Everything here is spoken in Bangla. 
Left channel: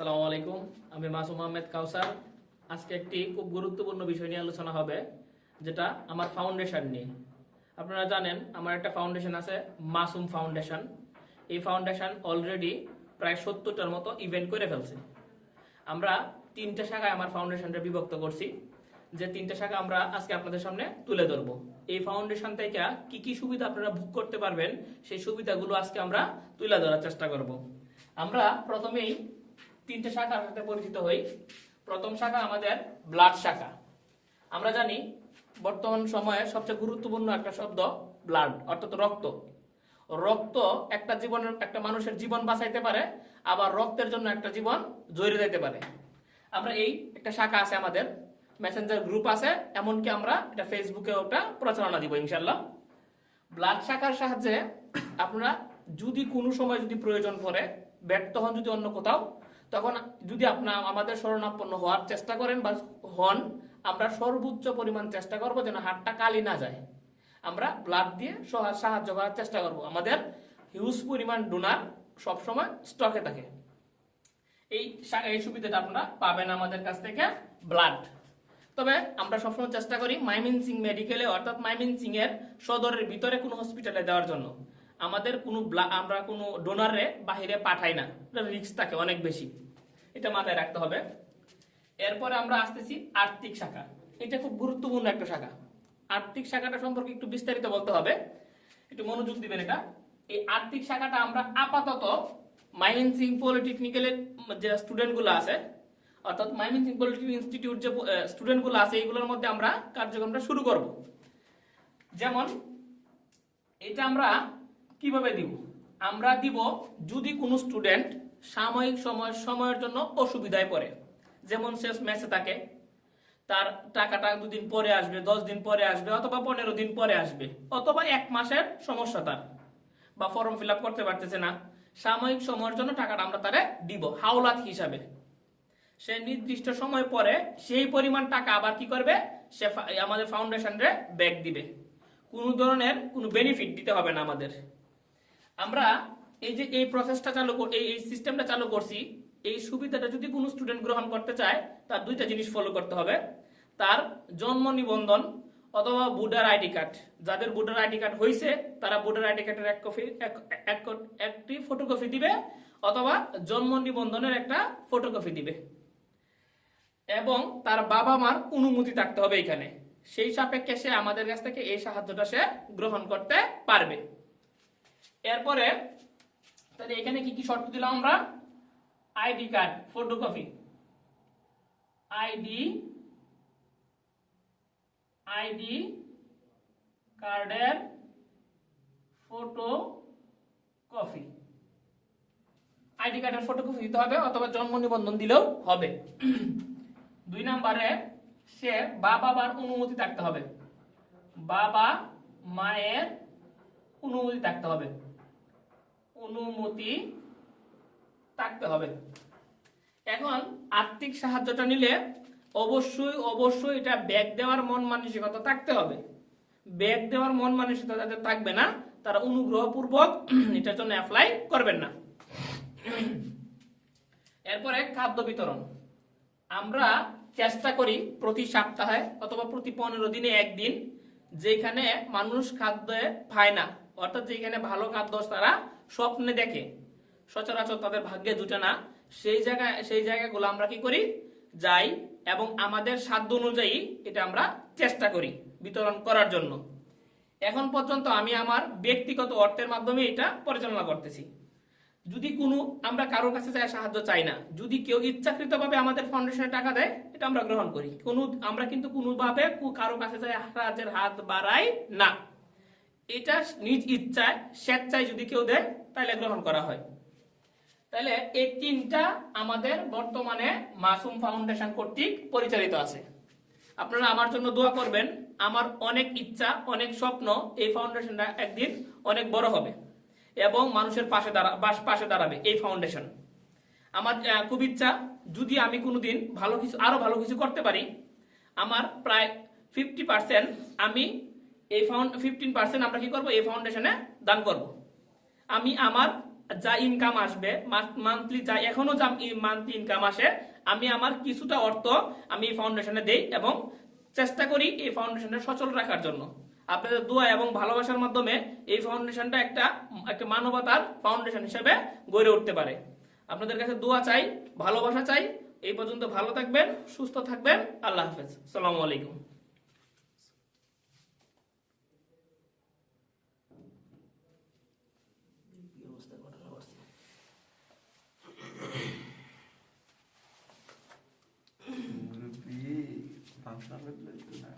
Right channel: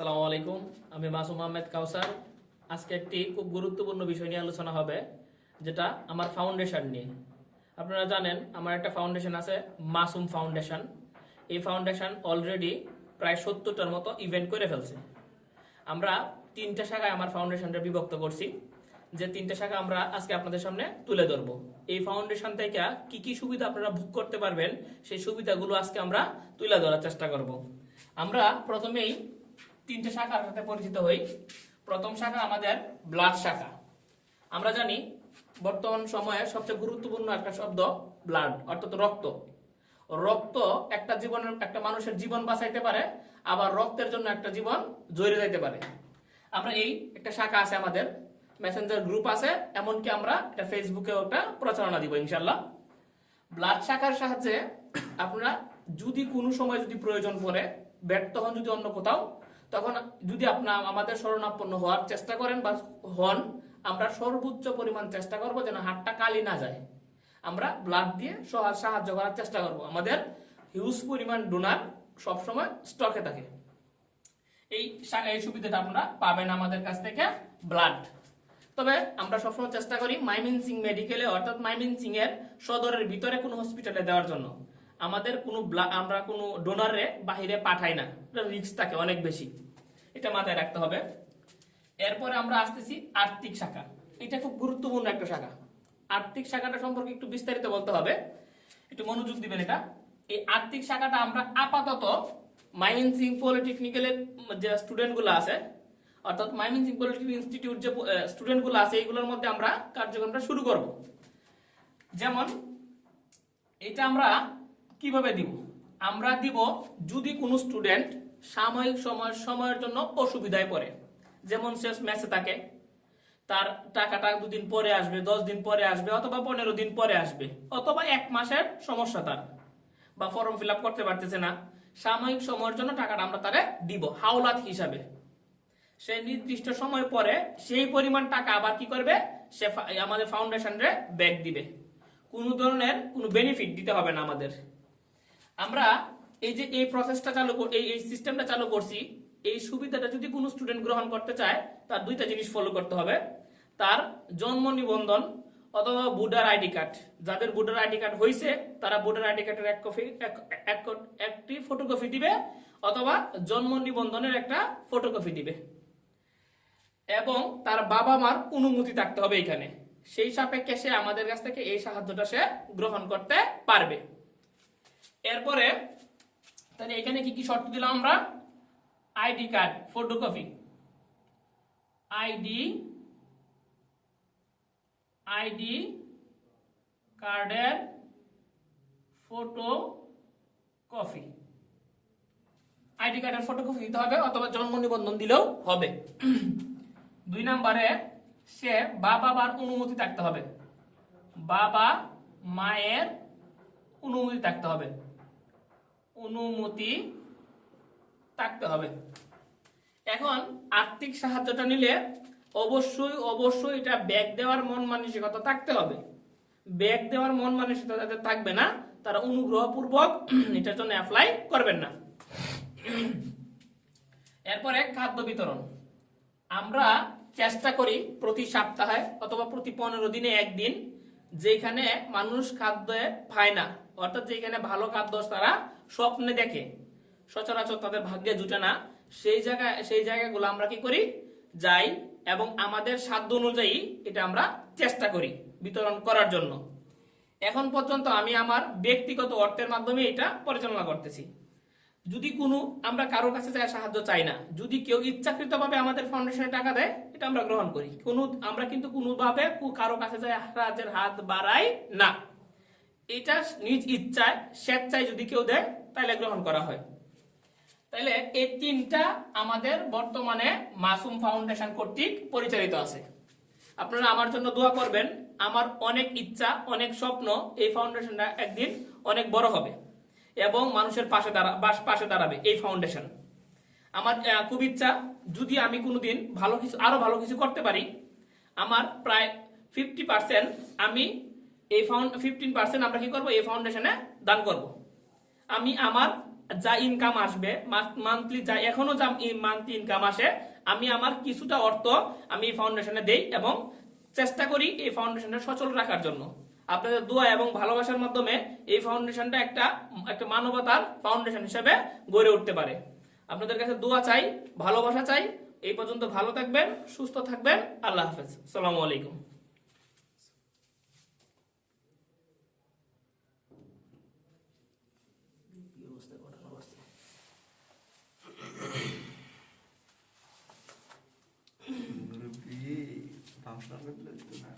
আসসালামু আলাইকুম। আমি মাসুম আহমেদ কাউসার। আজকে একটি খুব গুরুত্বপূর্ণ বিষয় নিয়ে আলোচনা হবে, যেটা আমার ফাউন্ডেশন নিয়ে। আপনারা জানেন আমার একটা ফাউন্ডেশন আছে, মাসুম ফাউন্ডেশন। এই ফাউন্ডেশন অলরেডি প্রায় 70টার মতো ইভেন্ট করে ফেলছে। আমরা 3টে শাখায় আমার ফাউন্ডেশনটা বিভক্ত করছি, যে 3টে শাখা আমরা আজকে আপনাদের সামনে তুলে ধরবো। এই ফাউন্ডেশন থেকে কি কি সুবিধা আপনারা ভোগ করতে পারবেন, সেই সুবিধাগুলো আজকে আমরা তুলে ধরার চেষ্টা করব। আমরা প্রথমেই 3টে শাখার সাথে পরিচিত হই। প্রথম শাখা আমাদের ব্লাড শাখা। আমরা জানি বর্তমান সময়ে সবচেয়ে গুরুত্বপূর্ণ একটা শব্দ ব্লাড, অর্থাৎ রক্ত। রক্ত একটা মানুষের জীবন বাঁচাইতে পারে, আবার রক্তের জন্য একটা জীবন জড়িয়ে যেতে পারে। আমরা এই একটা শাখা আছে আমাদের, মেসেঞ্জার গ্রুপ আছে, এমনকি আমরা এটা ফেসবুকে ওটা প্রচারণা দিব ইনশাল্লাহ। ব্লাড শাখার সাহায্যে আপনারা যদি কোনো সময় যদি প্রয়োজন পড়ে, ব্যর্থ হন যদি অন্য কোথাও, তখন যদি আপনার আমাদের শরণাপন্ন হওয়ার চেষ্টা করেন বা হন, আমরা সর্বোচ্চ পরিমাণ চেষ্টা করব যেন হাতটা কালি না যায়। আমরা ব্লাড দিয়ে সাহায্য করার চেষ্টা করব। আমাদের হিউজ পরিমাণ ডোনার সবসময় স্টকে থাকে। এই সুবিধাটা আপনারা পাবেন আমাদের কাছ থেকে, ব্লাড। তবে আমরা সবসময় চেষ্টা করি ময়মনসিংহ মেডিকেলে, অর্থাৎ ময়মনসিংহ এর সদরের ভিতরে কোনো হসপিটালে দেওয়ার জন্য। আমাদের আমরা কোনো ডোনারে বাহিরে পাঠাই না, রিস্ক থাকে অনেক বেশি, এটা মাথায় রাখতে হবে। এরপরে আমরা আসতেছি আর্থিক শাখা। এটা খুব গুরুত্বপূর্ণ একটা শাখা। আর্থিক শাখাটা সম্পর্কে একটু বিস্তারিত বলতে হবে, একটু মনোযোগ দিবেন। এই আর্থিক শাখাটা আমরা আপাতত ময়মনসিংহ পলিটেকনিক্যালের যে স্টুডেন্টগুলো আছে, অর্থাৎ ময়মনসিংহ পলিটেকনিক ইনস্টিটিউট যে স্টুডেন্টগুলো আছে, এইগুলোর মধ্যে আমরা কার্যক্রমটা শুরু করব। যেমন এটা আমরা কিভাবে দিব? আমরা দিব যদি কোনো স্টুডেন্ট সাময়িক সময়ের জন্য অসুবিধায় পড়ে, যেমন শেষ ম্যাচে থাকে, তার টাকাটা 2 দিন পরে আসবে, 10 দিন পরে আসবে, অথবা 15 দিন পরে আসবে, অথবা 1 মাসের সমস্যা তার, বা ফর্ম ফিল আপ করতে পারতেছে না, সাময়িক সময়ের জন্য টাকাটা আমরা তারে দিব হাওলাত হিসাবে। সে নির্দিষ্ট সময় পরে সেই পরিমাণ টাকা আবার কি করবে, সে আমাদের ফাউন্ডেশনে ব্যাক দিবে। কোনো ধরনের কোনো বেনিফিট দিতে হবে না আমাদের। আমরা এই প্রসেসটা এই সিস্টেমটা চালু করছি। এই সুবিধাটা যদি কোনো স্টুডেন্ট গ্রহণ করতে চায়, তার 2টা জিনিস ফলো করতে হবে। তার জন্ম নিবন্ধন অথবা ভোটার আইডি কার্ড। যাদের ভোটার আইডি কার্ড হয়েছে, তারা ভোটার আইডি কার্ডের একটি ফটোকপি দিবে, অথবা জন্ম নিবন্ধনের একটা ফটোকপি দিবে, এবং তার বাবা মার অনুমতি থাকতে হবে এখানে। সেই সাপেক্ষে সে আমাদের কাছ থেকে এই সাহায্যটা সে গ্রহণ করতে পারবে। এরপরে তাহলে এখানে কি কি শর্ত দিলাম আমরা? আইডি কার্ড ফটোকপি, আইডি কার্ডের ফটোকপি, আইডি কার্ডের ফটোকপি দিতে হবে, অথবা জন্ম নিবন্ধন দিলেও হবে। 2 নম্বরে সে বাবা মার অনুমতি থাকতে হবে, বাবা মায়ের অনুমতি থাকতে হবে, অনুমতি থাকতে হবে। এখন আর্থিক সাহায্যটা নিলে অবশ্যই এটা ব্যাক দেওয়ার মন মানসিকতা থাকতে হবে। ব্যাক দেওয়ার মন মানসিকতা যাদের থাকবে না, তারা অনুগ্রহপূর্বক এটার জন্য অ্যাপ্লাই করবেন না। এরপরে খাদ্য বিতরণ। আমরা চেষ্টা করি প্রতি সপ্তাহে অথবা প্রতি 15 দিনে একদিন, যেখানে মানুষ খাদ্য পায় না, অর্থাৎ যেখানে ভালো খাদ্য তারা স্বপ্নে দেখে, সচরাচর তাদের ভাগ্যে জুটে না, সেই জায়গাগুলো আমরা কি করি, যাই, এবং আমাদের সাধ্য অনুযায়ী এটা আমরা চেষ্টা করি বিতরণ করার জন্য। এখন পর্যন্ত আমি আমার ব্যক্তিগত অর্থের মাধ্যমে এটা পরিচালনা করতেছি। যদি আমরা কারোর কাছে সাহায্য চাই না, যদি কেউ ইচ্ছাকৃতভাবে আমাদের ফাউন্ডেশনে টাকা দেয়, এটা আমরা গ্রহণ করি। আমরা কিন্তু কোনোভাবে কারো কাছে সাহায্যের হাত বাড়াই না। এটা নিজ ইচ্ছায় স্বেচ্ছায় যদি কেউ দেয়, তাহলে গ্রহণ করা হয়। তাহলে এই 3টা আমাদের বর্তমানে মাসুম ফাউন্ডেশন কর্তৃক পরিচালিত আছে। আপনারা আমার জন্য দোয়া করবেন। আমার অনেক ইচ্ছা, অনেক স্বপ্ন, এই ফাউন্ডেশনটা একদিন অনেক বড় হবে এবং মানুষের পাশে দাঁড়াবে এই ফাউন্ডেশন। আমার খুব ইচ্ছা, যদি আমি কোনোদিন আরো ভালো কিছু করতে পারি, আমার প্রায় 50% আমি 15% আমরা কি করবো, এই ফাউন্ডেশনে দান করব। আমি আমার যা ইনকাম আসবে, মান্থলি যা এখনো যা মান্থলি ইনকাম আসে, আমি আমার কিছুটা অর্থ আমি এই ফাউন্ডেশনে দেই এবং চেষ্টা করি এই ফাউন্ডেশনটা সচল রাখার জন্য। আপনাদের দোয়া এবং ভালোবাসার মাধ্যমে এই ফাউন্ডেশনটা একটা একটা মানবতার ফাউন্ডেশন হিসেবে গড়ে উঠতে পারে। আপনাদের কাছে দোয়া চাই, ভালোবাসা চাই। এই পর্যন্ত ভালো থাকবেন, সুস্থ থাকবেন। আল্লাহ হাফেজ। আসসালামু আলাইকুম। মুরব্বি, ফাংশন লাগবে একটু না।